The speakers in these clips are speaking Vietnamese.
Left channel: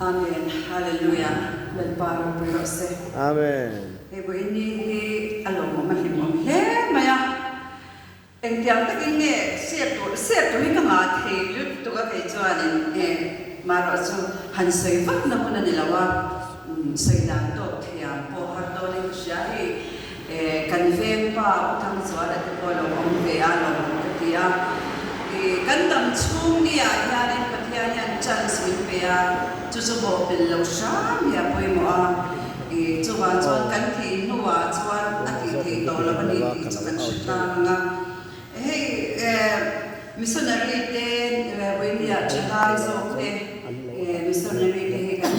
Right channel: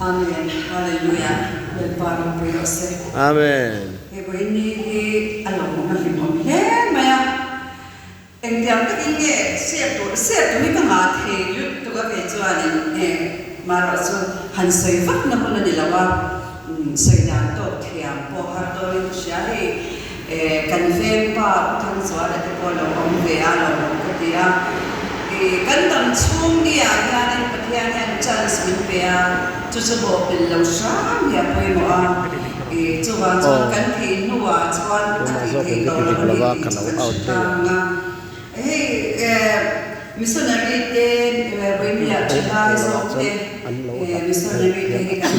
Amen. Hallelujah. Welcome to us. Amen. Ini along malimon. He maya. Engtiang tak inge siap tu ni kama thelu tu ka kecuali marasu hansai fak namun dilawa saya tu tiang pohar tu ni siapa confirm pa tang suara tu pun orang bealo ketia kandang cung ni ada ni petian yang chance bea tu sebab belau sam ya poi moa cuan kan thi nuwa cuan aki kalau ni missionary ten when we are July so missionary ten kan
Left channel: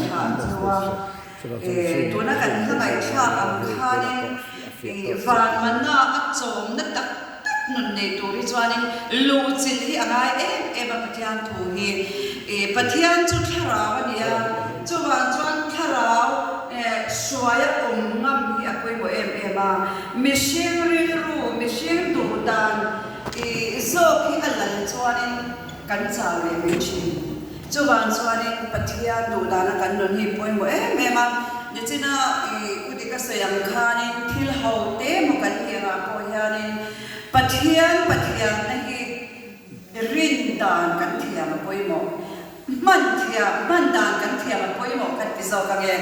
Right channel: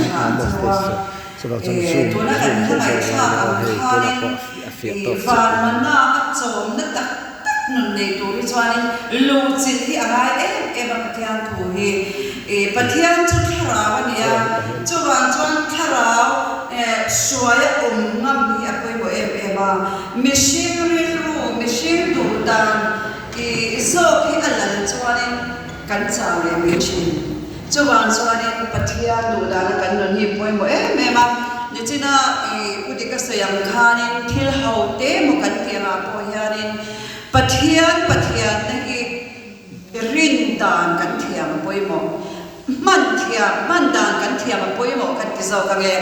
tu nak kan mai tha kan fan mana achom na tak nun nei tu ri chuanin lu chin hi anga pathian thu hi pathian chu thara ania chuan tharau suaya ngam hi apoi bo ba mishing du dan zo hi alal chuanin kan chaw le mi chin chuan pathian du dan kan nun hi poi bo ma ni china kudi ka sayam khanin thil ho te mo kan tianga po hianin pathian nahi rin dan kan thiam poimo man dan kan thiam poimo kan tizo ka ge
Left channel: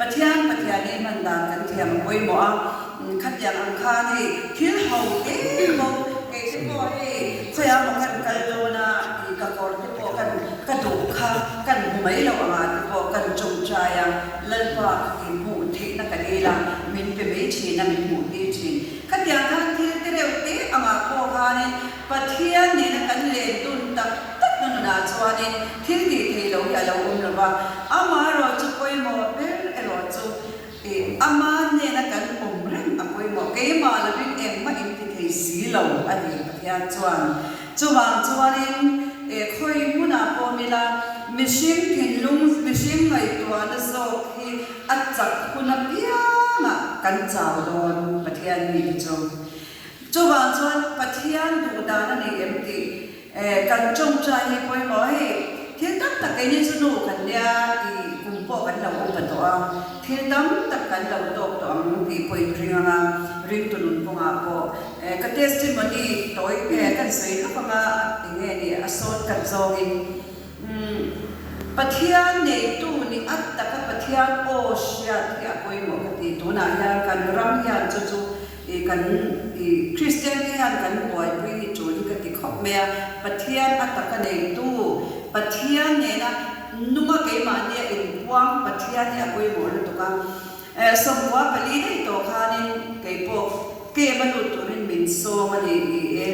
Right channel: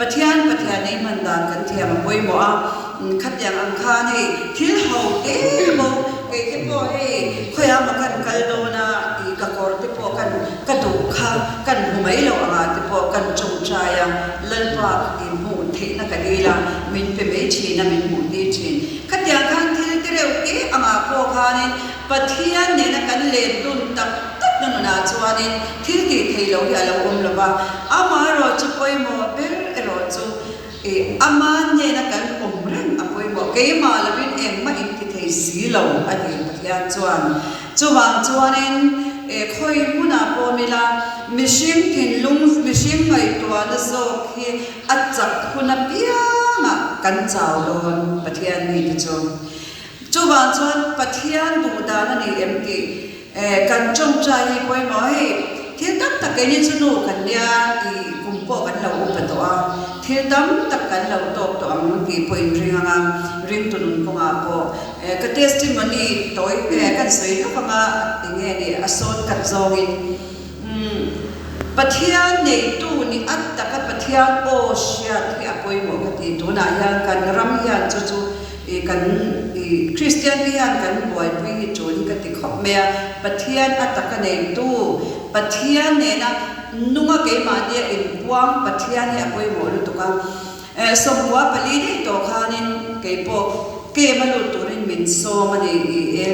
pathian nei man dan kan thiam poimo a khatyang ang kha nei thil ho te mo ke ko he khoya ma kan kal do na ka kor te po kan ka du kha kan humai lo ma te po kan chung chaya lal pa ki mu thi na ka dila min pe me chi na min mu ni chi khatyang kan thil te reu te ama ko khanin pathian ne na kan le tun tak na chuanin thil ti theilo hi alo lo ba ama ro chu poi mo ber ero chu ama ne na kan reng apoi mo ke ma labin em ma in ti thei si lo ani pathian chuanin khoi muna po mila mishim tin lung mishim ngai tua na zo hi achak khuna pia na kan chaw don pathian ni chu chuan pathian du da na ni em ti kan chong chai hi poi mo hi thiên tak tak ke ni chunu kan lia i kumpo kan lo pa to a thiên dam tak kan lo to ang pi poi ringa rin tunun ko nga po ka testimony toy kan sei ka ma tinge ni asot kat zongin pathian nei tu ni at tak pathian o sia ti apoi mo ka ti tu na ya kan ram ya chu kan Christian hian kan boy pui ni chu ni ka ti khop me pathian ataka nei tu pathian ne na nunga ke ma ne in buang pathian ne apoi mo lu tu ka somwa pali nei to khanin ke po ke malu turin min so mani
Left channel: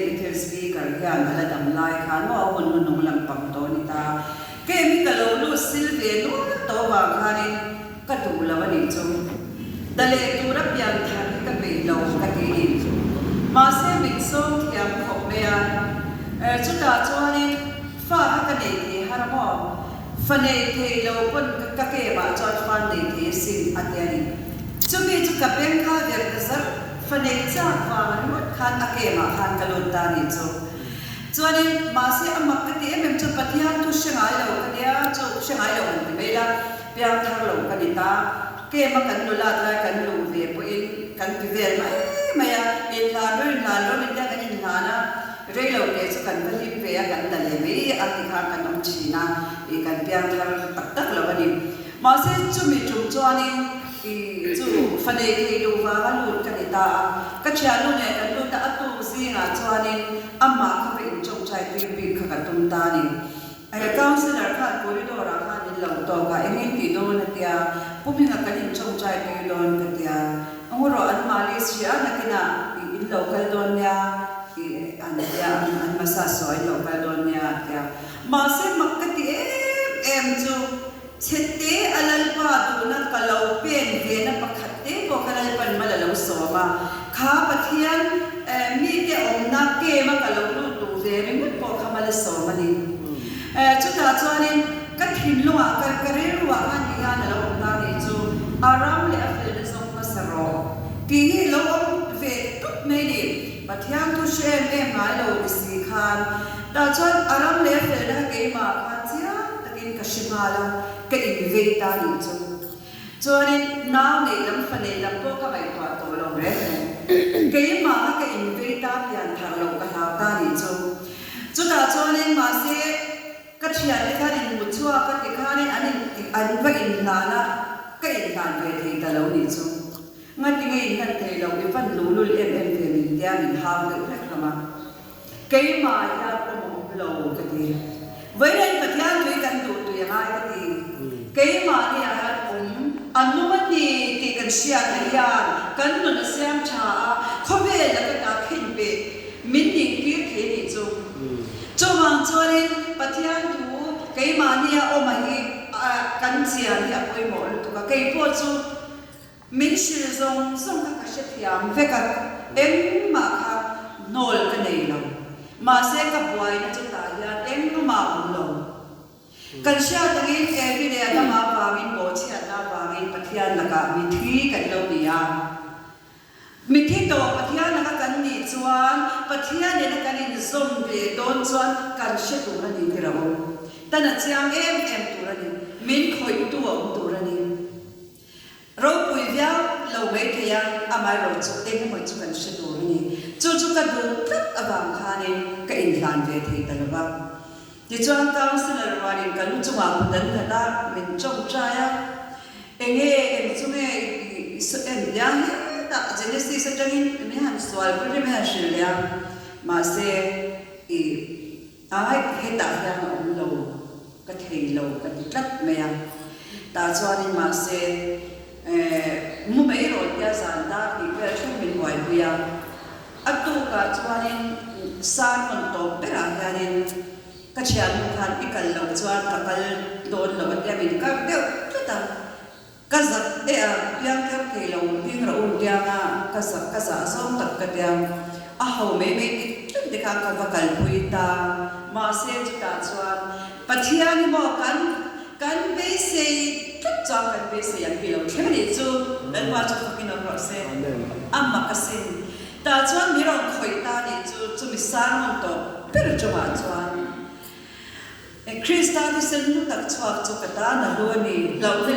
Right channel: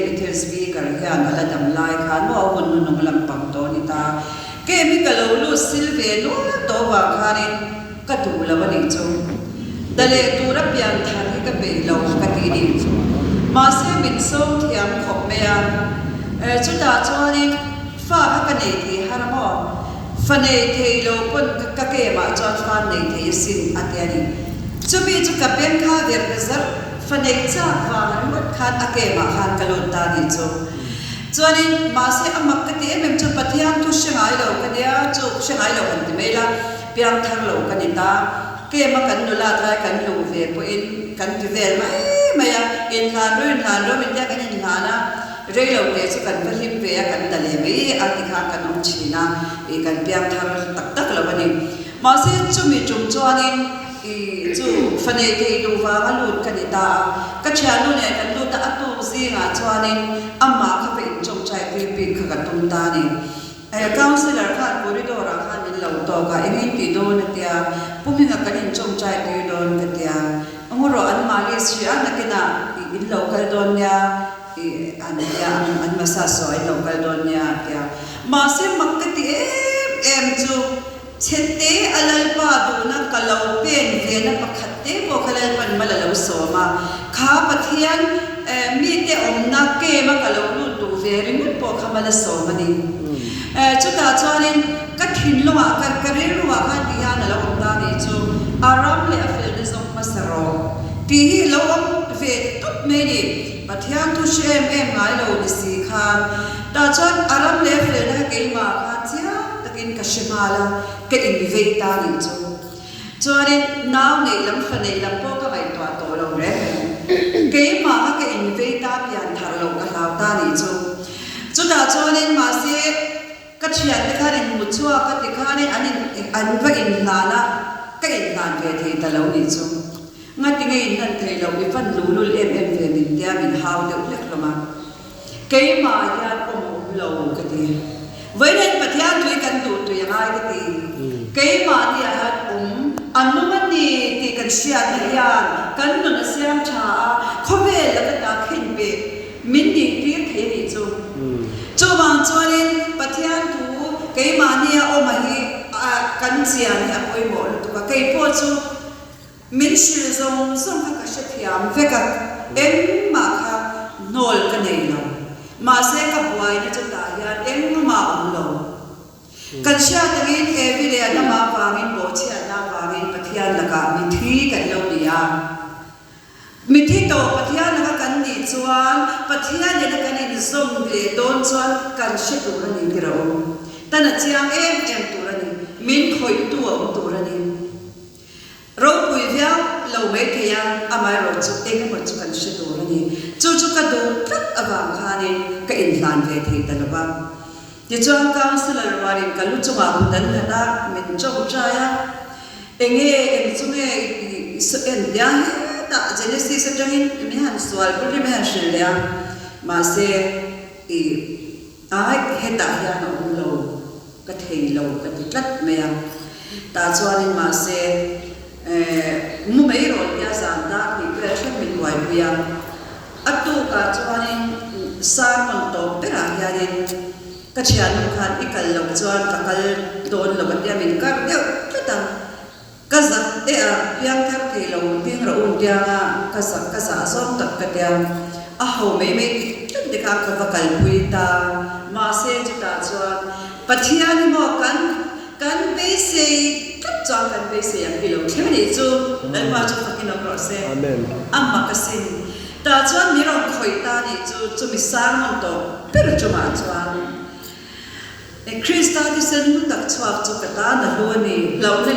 Beatles bi kar hian hala dam lai khan mo hun nun lam pam to ni ta ke mi ka lo lu silve no to wa khanin ka tu la wani chu dale tura pian thang ka be lo ka ti ni ma se min so thiam khop me chu da chani fa ka nei thi har mo fa nei thei lo pon ka ke ma cha fa nei thei sin atiani chu mi chu ka pen kha ver zar fa nei cha fa ma kha ake ma khan ka lo ta ni chu chuani ma se amak ka ti em chu pathian tu shangai lo ka dia chu shangai lo kan ti mela pirang thar lo ka ni ta ke ma kan nu la ta kan lu ve po in kan ti ve ma ya in la lo min ya kan ni ngana rei lo ke chu kan valim ve kan da le me a ti kha kan um china kan piang thar tak tak lo ni ma se chu mi chung chuanin chu fanei ke lu wa lu kan ni ta ka chia lu ne kan lu ta atu zi nga chuanin amma kha pe chung chai ti pi kha ka tum ta ni counselor kha corridor kha ni lo to ka emi ti do na tia puminga kanin chung chai ti do ka tia ngoro an malaysia na kina in local don ya an masaso in local don ya tia ma se makati em chu chete alal pa du na kalau pen ve na pakhatte ko kalal pan malalo so ma kha pathian mi te om na ke ma kalau lu du ve rim po khamala so mani chu ta chuanin ka thin lo ma kar karer wa ka ti ya na lo da ni chu aram le afel de so masaro ti hi lo ve tot me ni pathian tu shem em mai lo ni si khan ta chuan aram le afel na ke ma kha chia takin ka shima hala cái in về ta đi cho nên nào này lắm phần này lắm có cái bài toán tổ lòng đấy cái mà cái in về ta bây giờ thằng lòng cái lao ta đi cho ta cho nên mà sẽ cái chuyện cái này một chút cái này anh phải in là cái in là về thì ta lâu đi ngay tiếng in là thầy lâu đi phân lulu em về mình ra mình hao được lắm mà cái mà ya ông lâu cái gì với nên bậc thang tuổi cần đủ tuổi hai cái mà thì anh muốn thì cần xem thì cần nó xem trả không về là cái ta khen về mình đi biết thế thì cho mà cho nên bậc thang tuổi cái mà thì ông mà thì cần xem thì ôi một tụi cái bộ chú mình sử dụng các cái thiam về các em mà khác nổi cái này rồi mà sẽ gặp lại nó chúng ta ya em mà ông lâu cần xem cái every day nó mà vào mình bố chia nó vào mình bắt thian là cả mình thi cái lâu đi mình thi tổ bắt thian là cái gì chuan bắt thian là cái gì zoom về đón chuan cần sẽ cũng là gì rồi ta là chiang em tu ra đi mình khởi tu ra đi rồi bùi véo lâu mấy cái amai rồi chút em một chút cần sẽ tu ra đi chút cái đồ rất vàng khan nên cái in lan về thì tận ba thì cho anh cao xin lời nói đến cái lúc chúng ta đến là na mình trông trai em nghe em chúng em dia ta Genesis trong in mình hàng soal cũng mình hàng sửa mà sẽ ai hết ta ya nó lâu cái thầy lâu cái chất mèo ta cho nên mà sẽ mua mấy rồi ya giảm ta thì về sẽ mình ngoài bia atu ka cho nên sang con tổ bé là ya nên cái chuyện khan ikal lo chuan kakal don lo batia min kar deu chuta kaza de yang thap thei lo ping ro un dia kaza som tak ka dia a ho me chut de ka vakal puita ma se chuta chuan pathia ni mo kan be se chut cha kan be se yang pilo theme ni chu dan ma chu fakin ro se amma kasin ta chuan mi ro khoi ta ni chu mi sang mon to per chu ma chuan Krista di sen tak chuak chu kata na huani lo ne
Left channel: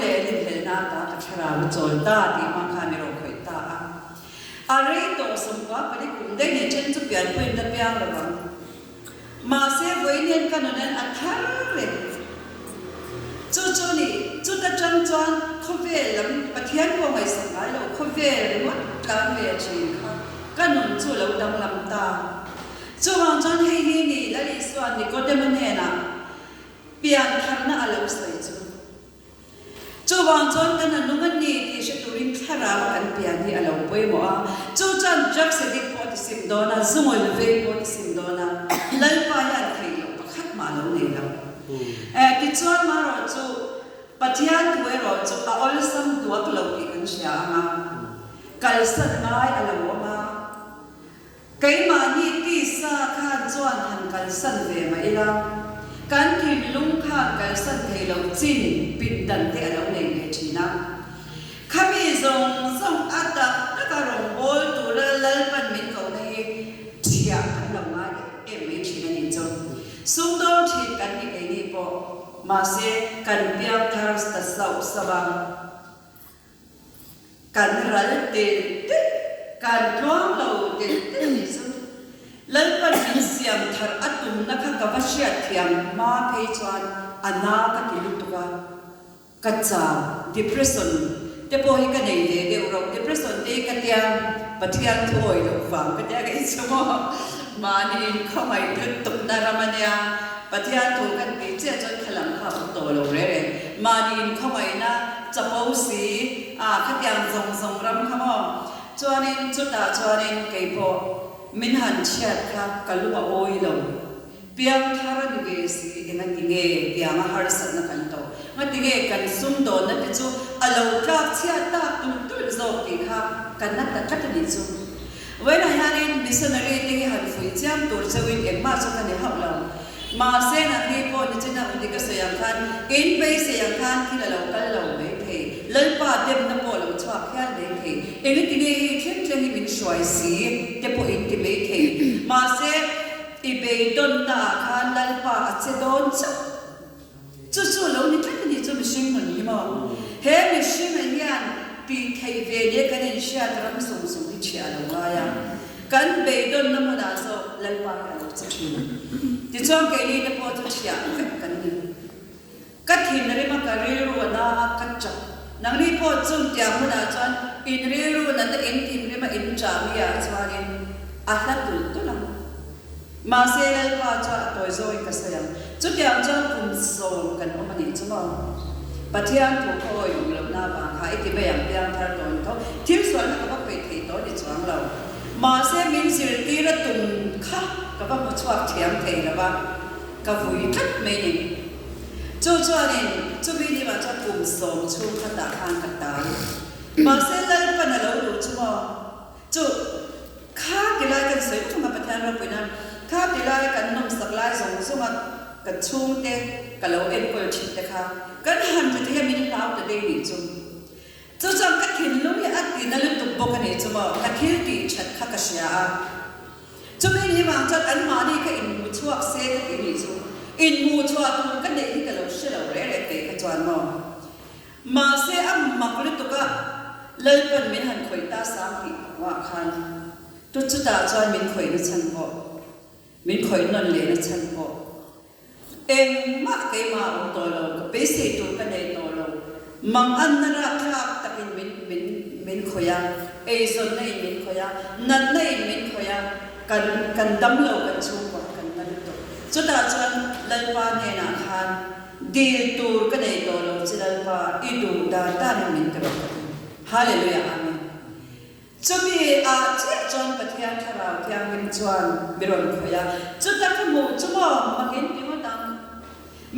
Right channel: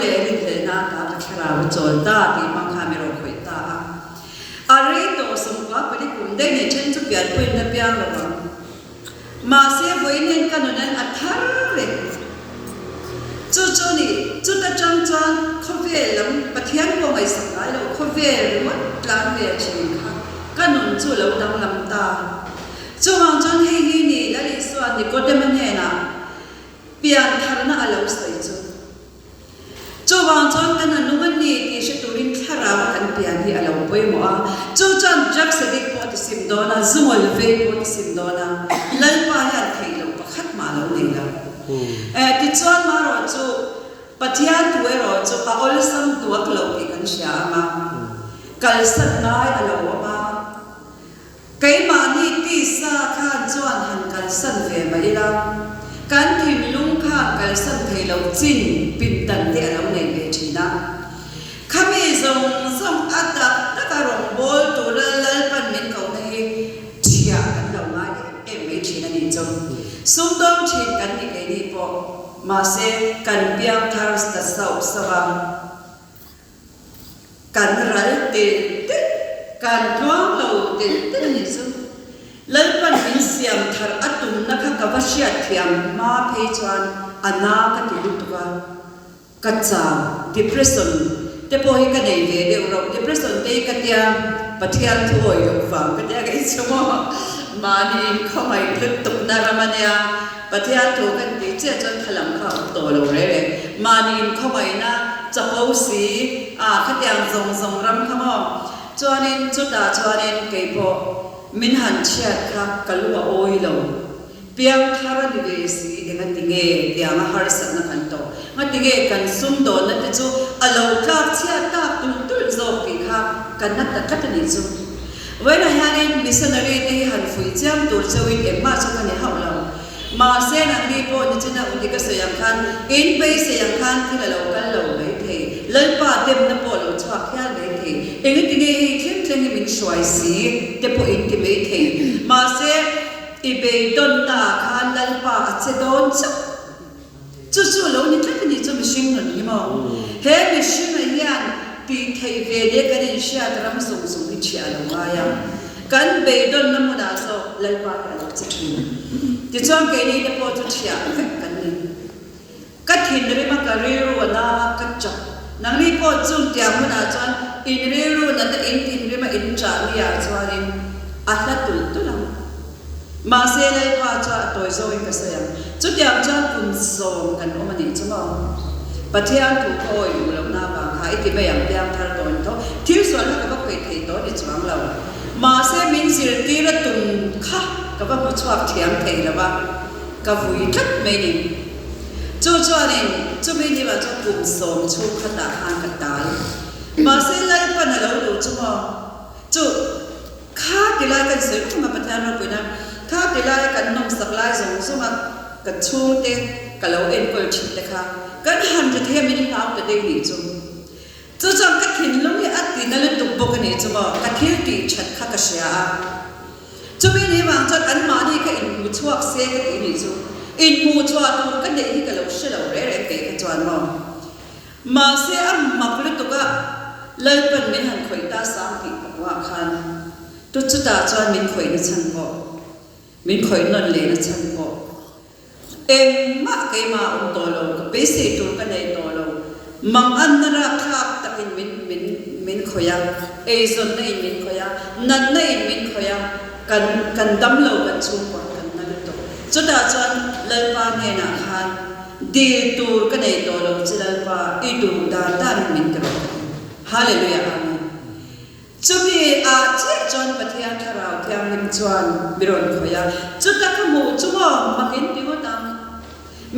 le na ta ka thara chol ta ti mang kha mi ro khoi ta are to som kwa pari kum de ne chen chu pian pui na pian lo ma se voi nen ka no nan athar le chu ni chu ta chang chuan kho ve lam pathian ko ngai sang ai lo kho ve lo tlang ve chi kha ka non chu lo dam lam ta chu hang chon he ni la li swan ni ko de man ne na pian thar na alo sai chu wang chon kan anu man ni ti she turin thara kan pian hi alo poi mo chu chan jak se dik po sim dona zungol ve po sim dona lal pa ya thai lo pakhat ma lo nei la ti chon ma ro chu pathian tu ro chu pa ol sam tu ak lo ti kan sha ma kal sat nai alo ma kai ma ni ti sa khan chuan han kan san ve ma ila kan thim lung kha kal san thei lo chin pin tan te alo nei ve thina khami zong ata ta ka rong bol tu la pan min ko nei chia kan lo ma em ve thina ni chong sum dom thit kan ni ke ni po ma se kan piang thar sta sau sawa kan ral te kan tuang lo te ni su lalpan min siam thar atum na kha kawashia thiam ma phei chuan ana ka ti lutuka ka cha depression te po hi ka nei de ro depression te ka tia pathian thoi lo wang ka ta ga ichmo ma ni khomai lut tuk na ramania pathian thu kan ti che chon khalam kha to lo re ma ni khomai na chapo si khatyang zong ram khamo chuanin chuta chuanin ke po min han chia ka kalua oilo piang thara ni ve si enga tinge piang har san na kan to nga tinge kan sum do na te chu alo ka chia ta tu zo ki kha kan na ta kat ni chu when I had in missionary te han fui cham tur chawi emma chu kan ha lo ma se na ni po ni china udi ka sayam khan in pe sayam khan thila lo kal lo mai the lalpa dem na po lo chwa khya mai the enga tinge thleng min shwai si te po in ti mai the ma se ibe don ta khan lalpa che don chu lo ni thleng จะไม่ชิงหนุนนี่มั้งเฮ้ไม่ชิงอะไรเนี่ยตีเทเวเดียกันเชียแต่เราไม่ส่งส่งที่เชียร์เราว่ายังกันเบดอนน้ำมันอาโซเล่นว่าเราจะชิงที่ช่วงเกนี้เดี๋ยวพอจะเชียร์กันนี่กัดหินเรื่องมันก็เรื่องว่าน่ากัดจับนังนี่พอจุดเดียวมันอาจจะอินเรื่องนั้นอินทินเรื่องมันอินจารีอาจจะอินอัตลักษณ์ตุลามาเซเลพาจะตัวโซอินก็เสียจุดเดียวจะคุณส่งกันว่ามันนี่จะมาปัจจัยถูกโอยอยู่ลำหน้าบางหายที่ไม่ยังเพียงทาร์ตอนเขาที่ส่วนนั้นก็ไปที่ตัวที่จวงเรามาเซมินสิรตีระตุนค่ะก็ว่าผู้ชอบเทียมเทแล้วว่าก็วุ่ยทับไม่ยิงจู่ๆนี่จู่ไม่ได้ว่าจะกลุ่มส่งชูขตาหางกันตายมาเซไล่ปันเราดูจู่ว่าจู่ข้าที่ไล่กันเสร็จก็มาประทานเราไปนะข้าที่ไล่กันน้องสักไล่ส่งสมัครกันช่วงเด็กกับเราเอ็นก็ชิดนะคะกันหันจะเทียมมินเท้าแต่เด็กนี่จู่จังกัดหินลงนี่อัดตีนั่นเลยตุบปกันนี่จู่ว่ากัดหินตีชัดข้ากระเชียจู่ไม่ได้วางจัดอันมาดีก็อินมูชัวเซกันตีนี่จู่อินมูชัวตัวกันเด็กที่กับเราเชื่อเราเร่ๆเตะกันจวนมาเสียอัมมาผลิตตัวก็เลยเป็นไม่หันข่อยตาสามปีกับว่าคันตุจุดาจวนมินข่อยนั่นฉันบอกมินข่อยนั่นเลยนั่นฉันบอกเอ็มมาเกยมาอุตโตเราก็ไปเสียตัวกันในตัวเรามังอันนั้นรักทักตะกินมินข่อยเอซอนในมินข่อยนั่นในมินข่อยกันดำเรากันชูกว่ากันนั่นตัวจุดาจวนเลยมาเนี่ยนะคันดีตัวกันในตัวเราจะเลยว่าอีดูดาตามินตัวฮาเลลูยาอาเมนจุดนี้เจ้าจวนปฏิญาณเราที่อังกฤษจวนบิรอนข่อยจุดตะขมูจุดว่ามาเห็นที่ว่าตัง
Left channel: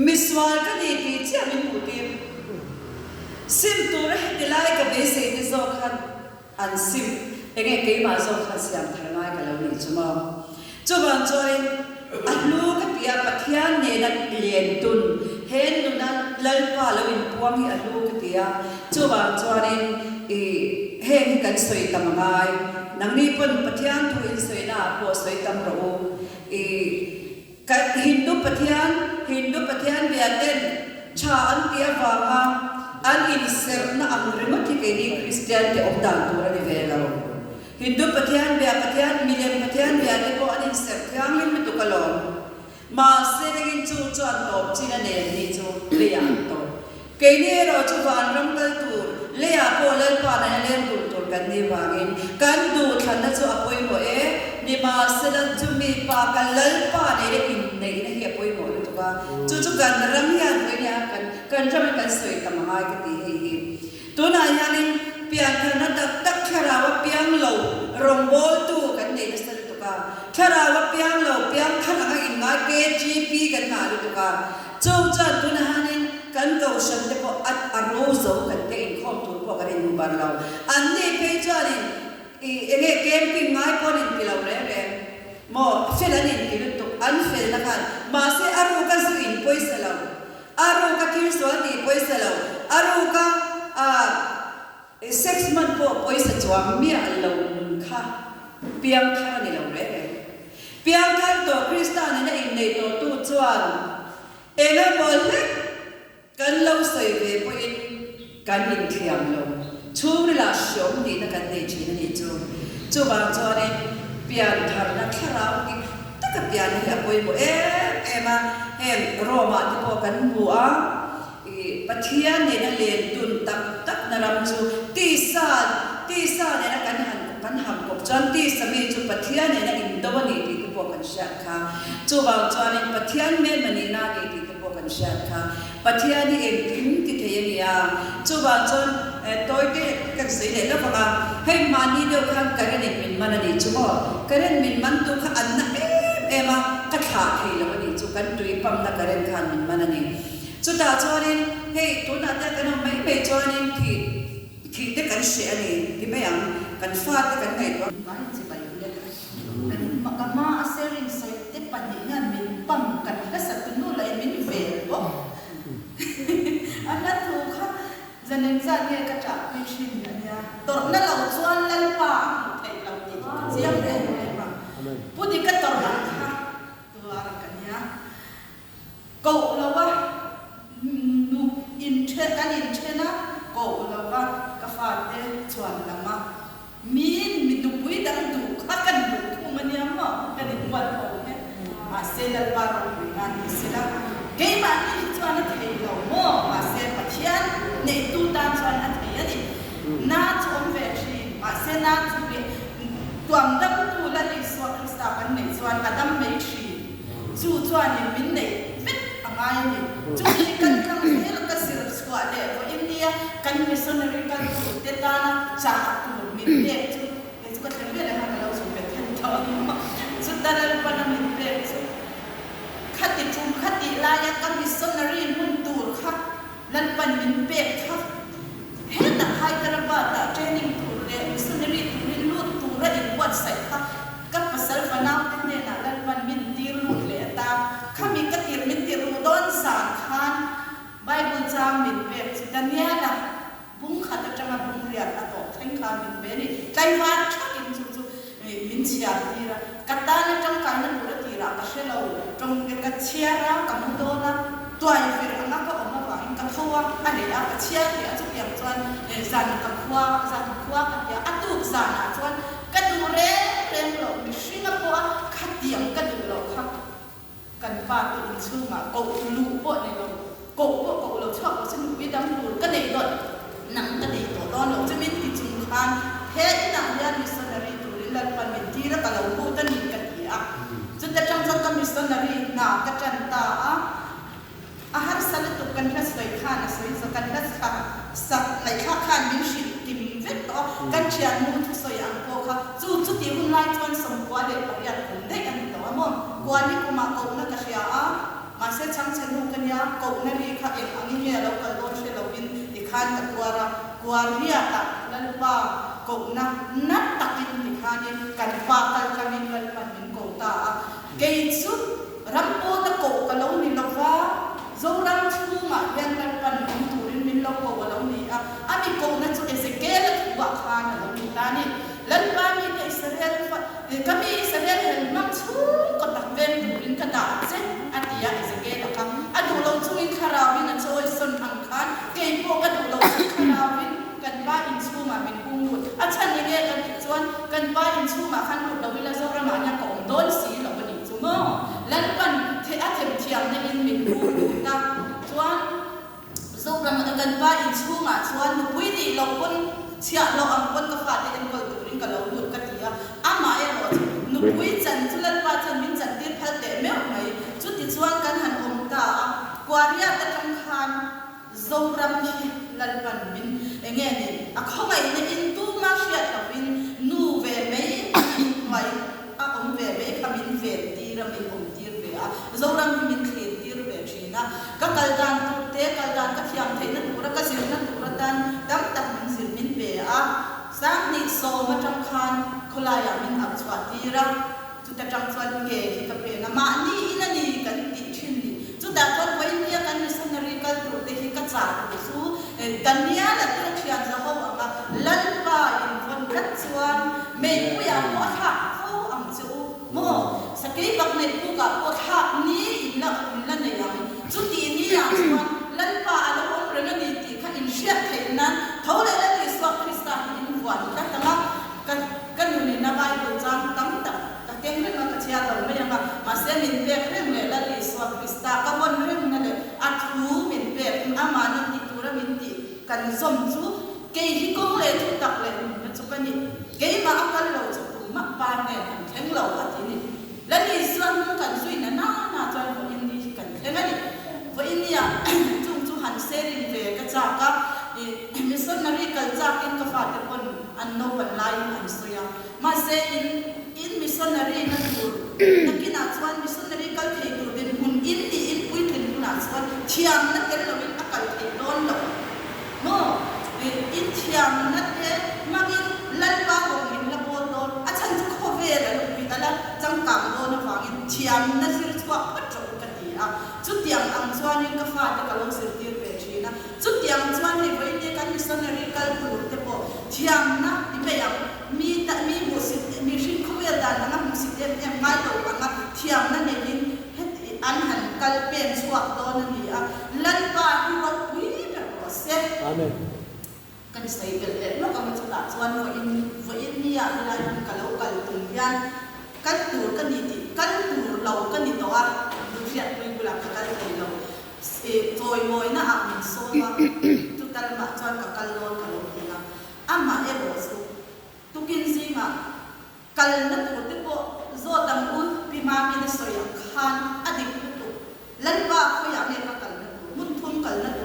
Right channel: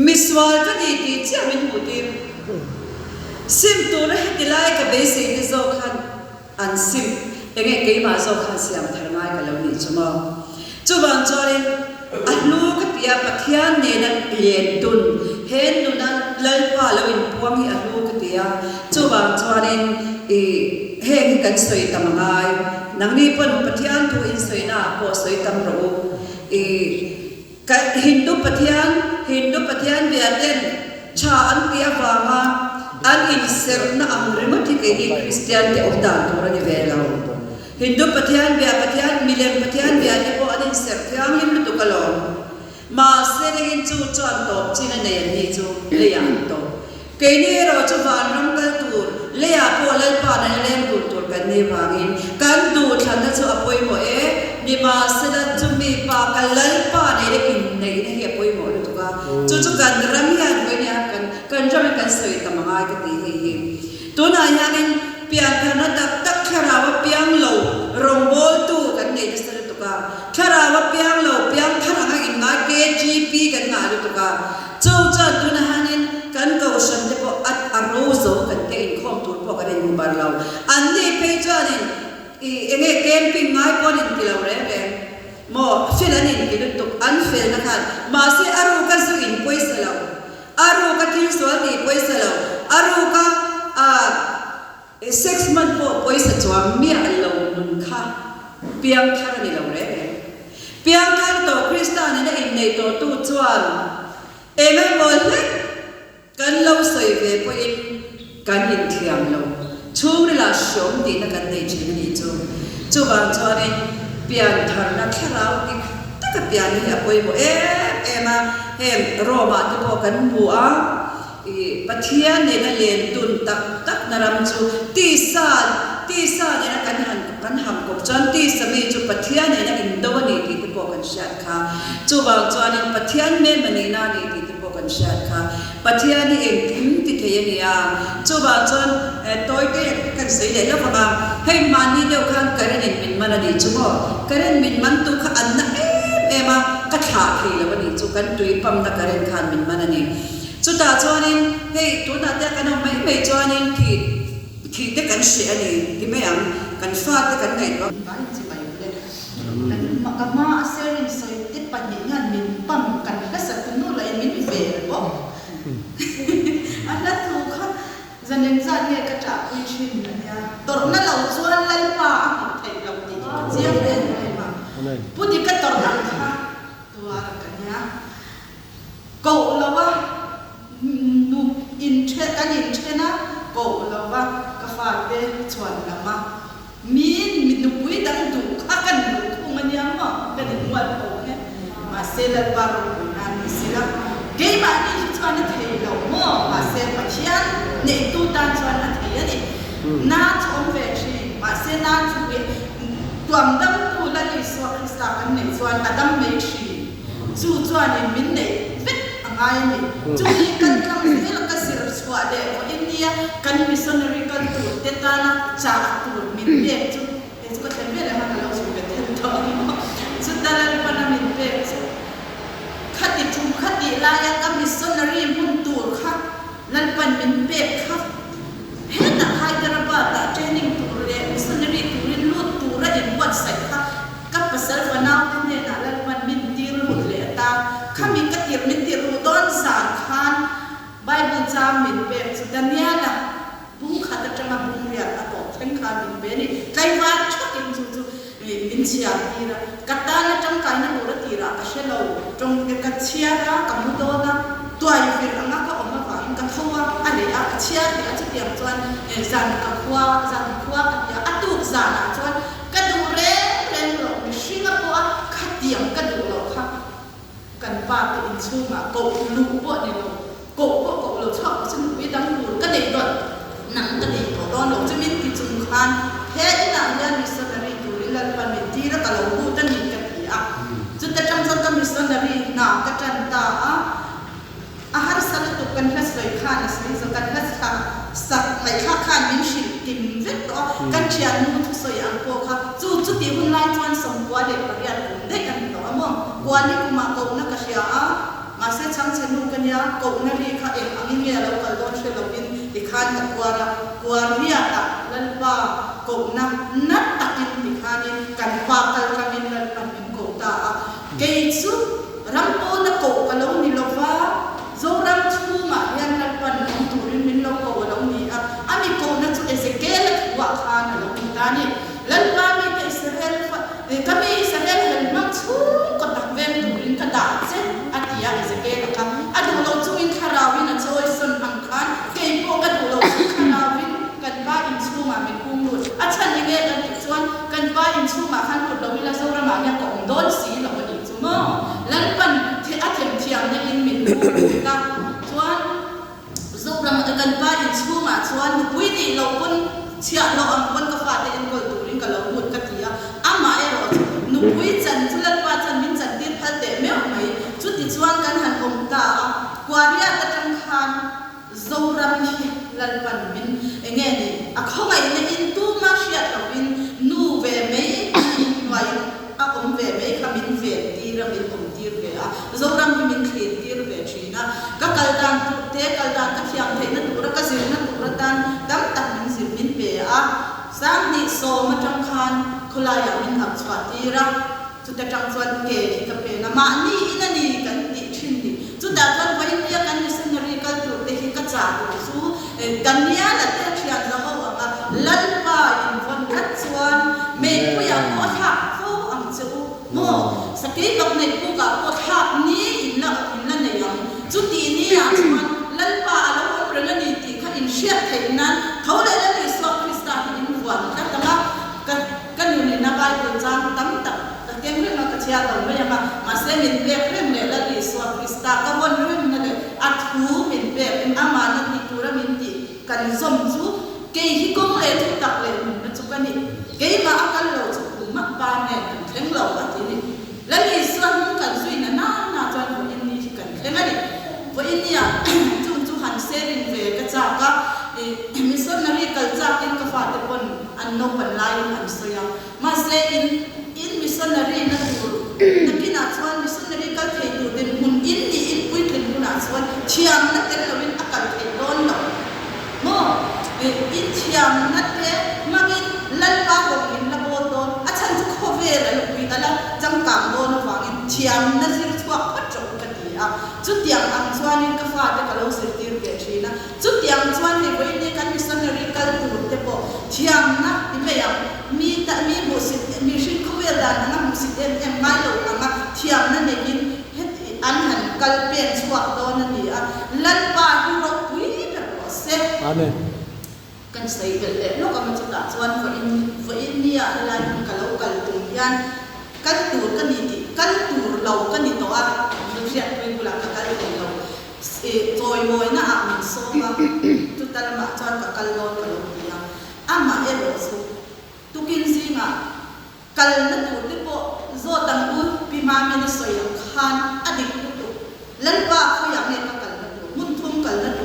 มิสวาร์ก็ดีที่เจ้ามินบุตรซิมตัวนั้นที่ไล่กับเบสิที่โซคันอันซิมเองเกี่ยมาโซคันเสียงทางไหนกันแล้วนี่จุดว่าจุดบางจวนอันลูกกับยาปฏิญาณเนี่ยนั่นเลียนตุนเห็นนู่นนั่นเล่นว่าเราอินพวงที่อันลูกกับยาจุดบางจวนเห็นกันสวยตั้งไงนังนี้เป็นปฏิญาณตัวอินสวยน่ะพอสวยตั้งเราฮินดูปฏิญาณเบียดเด่นชาอันเปียบางอันอินเซอร์น่ะอัมริมที่เกิดคริสเตียนเตอร์ดานตัวนี้เวลาฮินดูปฏิญาณเบียดมิเลมปฏิญาณเบียดที่พออันอินเซอร์ที่อังลิมตุกลอนมาเสด็จจู่จวนตบจีนเนี่ยนี่จู่เลี้ยงโตเกนี่เราจู่วันรังกันตูเลี้ยพอเลี้ยพาในเลี้ยดูตัวกันในบางอินกันดูทันนั้นจู่อภัยหมดนี่มาเสด็จจู่มีปากกันเลี้ยพาในเรื่องในนี่เหตุผลหมดเลยตัวกันจู่กันรำยันกันเนี่ยกันจะไม่กันสวยตั้งไงกันดีตัวนั้นยังเปียกขนาดตักแค่เราเปียงเหลารงโบตู้กันในนี่สุดตัวกันแค่เราเปียงเหลาเปียงขนาดอินมาKGP กันมาดูตัวกันจู่ตัวนั้นกันก็ฉันเดี๋ยวอัดอารมณ์โซ่กันเองข้อมูลพวกกันในบ้านเราอันนี้เป็นจวนนี่เองเกมปิ้งง่ายพอนี่กินเราเร่ๆหมอเฟลนี่กินตุกอันเฟลนะคะมาเสียอารมณ์กันสุอินป่วยเสลาอารมณ์กันที่สวนนี่ป่วยเสลาอารมณ์กันเซ็กซ์มันพอป่วยเสจวามีอันเรานุ่งค่ะเปียงท่านี่เราเร่เปียงท่าตัวคริสต์นี่นะอินในตัวตู้จวนเอ็มบอกเลยกันเราใส่เวพอินกันยินเทียมเราช่วงเวลาชมดีนักกันในชีวิตนี้จู่บางจวนเนี่ยเปลี่ยนทางนักแค่เราที่ตั้งแต่เปลี่ยนนี่แบบว่ามาเห็นโรมาที่พอกันบัวปะเทียนเนี่ยนั่นเลี้ยงตุนตักนารำจู่ตีซาเนี่ยนะกันหันกับจวนตีสมัยจู่ปะเทียนเนี่ยนะอินโดนีที่พอกันเชื่อค่ะจู่บางจวนเนี่ยปะเทียนเมื่อมันนี่นาที่พอกันเชื่อค่ะปะเทียนนี่เองทิมที่เทียนเนี่ยจู่บางจวนตัวเด็กกันสิเด็กแล้วพอให้มานี่เดียวกันกันเองมินมันนี่จู่กันเองมินมันตัวขันนะมากัดขาที่แล้ววันนี้จู่กันตุยปั๊มนักกันเองขันมินมันนี่จู่ตาจวนนี่เฮ้ตัวนั้นแต่กันไม่จวนนี่ที่เด็กกันเสียนี่ที่ไม่ยังกันฟาดกันไงตัวบ้านจะไปเลยกันมาเซรินใส่ติดปัญญามินปั๊มกันก็สักนู่นเลยมินเฟลบ่อันนั้นถูกค่ะจะเน้นจะเนี่ยกระจากวิชินนะเนี่ยตอนนั้นเราชวนเล่นป่าไทยเราติดเสียงเล่นเลยป่ะพูดดีก็ตอนนั้นค่ะตัวกันเนี่ยกูเราว่านูอิน kan in chena ko lawa ka fa te chuan lama mi nu pui dang du kha kan du khung ania ma kan in wat ko ne ma se la ba ro na ni sila ke ma ni chuan na thei lo mo ma se pathian ne tu tan chuan na thei ani na chom ve chi ma se na chu ve tuam dam tu la ni so krista kan ne chuan adam me chi chu chuan in min ne vet angai ni chu ni kan kam se la ka sir swa de o india kan missionary kan tu te ta na cha tu min de chu e chu ka thei ve la ha ka lo chu ve then to chu ta la pa na min de chu khati thum khati la ya ka missionary mun tu kha lan pan min pe kha he ta hai ta ba ta training tu le missionary tu ni lu tu ra in wat sai kha ka pasal fa na ne na lan pan min tir lu le ta khami ka tir min tir lu don san khan bible jam min pe chu daniela bung khata changa bung ria ta to theng khan min be ni kai war chak in chu chu min chia ti ra kata na chang kai na lu ra ti ra ka she lo trong ka chia ra ka mu do na tuai fir anga ka oma wa in ka thua ale a ka chia te a chu tiang chuan zan ka khwa ka ya atu zan a chuan ka du re ren lo mi singapore kha tiang ka du lo kha kan pa te in chu ma ko lu po ni lo ko lo chok chu mi dang lu ka nei dot nang ka nei to don lo chu min ki chung khan he ina ya missionary tu rilal pa mi ti ra ka lo bu tan ni ka ti a chu ta chang sa ka missionary na ka chan ta a har sal tu kan has lai khan as lai zo kan has kha sak lai khan min shin tim vet to kan chian mu thu so yang ko kha chu ti hun lai chuan som kwa de pariat ko de kan to mo kwa ni kuma ko na ka sia a ma se chang chen nu kan ya ko na ri kha ek angi me lo kal don se lo in ti khan ka kwa ria ta lan pa ko na takin ti khan kan pa kal kan in lan pan min ko ta ke chu ram po na ko ka lo ni lo wa zo ram chu ma yang lan pan min tu rin min lo ko lo ni a ami ko na chu ezekiel wa khan lo ni ta ni lan pa mi ka israel ka mi israel hel ma chu ko tak ven tu rin ka da che atia ezekiel ka adu lo chu in kharawin a choi son thang khan ke po ka du lo chu kharawin kan ba in chu ma min kung lu a chan ni ge kan ti chuan kan ba in chu ma khan ko lo wi la zo ra ma nya ko don si lo ni chu mo lan pan the a them thiam na in min kung ta chuan zo ra ma kan ba in chu ma chuan nu pui di lo pun chia lo am pun ka fa te in ko tu rin ka lo lut ka tia ama e ro nu pui chan chu lan pa chan min chan ti phal te me mai chu ti chuan kan han om ta kwaria ta tang khan zo ram hi lan pan min enge ni a khongai na in tu ma sia ta bin nu ve me vai a om ve me kha min ve ti ra min om ti ve a zo ram min khet ti ve china ka kal dan tu te kal dan ka thiam the na tu ra ka zir na tu ra dan dam tak min zir min ve a sang ni so ma tang khan khula ya min ap chwa ti ra chu ta tang chuan ke hi ka pe na ma ni ina ni kan ti thin ni chu da kan vai ni kan missionary ka tu te hi ka cha tu su dania la te thian ra ho ma lan pa in von khat chuan me pu ya mo tha ko ang chu mo sakei bak nei pu ka ko tha ni in la nei yang chu ti ni ya chuan lan pa alo on reng ni ti kha in shia thei nan thole la ni so krista in wan ka ta la kan ni na bible jam tam ta ka kem re na ka chia lo me ya ma se min pe rem le la ni so krista ka bon rem na le at hu min pe in ama na ni tu ra min ti kan zom chu ke hi kong le thu tak le na chu pa ni ke ma akal lo chu ma pa ne theng lo wa ti ni la ni so kan zui na chan ko in ni kan theng ani vo in ya chu han se rin ve ka cha ka missionary culture in ka fa te pon an no pan lai an soya ma se in missionary na tu na kina chuan missionary ka thei tu den mun in ni in pui thei tu na chuan thiam na tel lo in akal thei don lo mo in thiam na te magin lan pa go in la bo don a chan chu kho ve la pui ala jam kam do no wang in thiam na zir chwa pa tro ka ti a chu tiang ang chuan in ka fa te ka lo se tir ve thina chu tiang chuan ni voi ni kan missionary kal tu te po thiam na ti me ya mi ta mi mo si mi shin kho ve da na mu si em mai lo ma thiam na ne in het an han kal pen chwa do na ni a lan pa hi ro pui se Amen. kan sai kel le no ka ma chu ta chuan va in ni a la ni ka lo kal tung yan kan tur kan ni ti kan tur lo kan ni to a lu ria tu bula ka kal tung lo e toy moi na a min so ma tu tal ma chuan ka kal lo ti ya ama e lo su tu kin zinga kal na tu te po zo dang u pi ma mi na so ya khan adik tu lan pa ko ya ne ka kal na tu mun thum kal na tu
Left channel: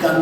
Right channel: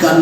Kan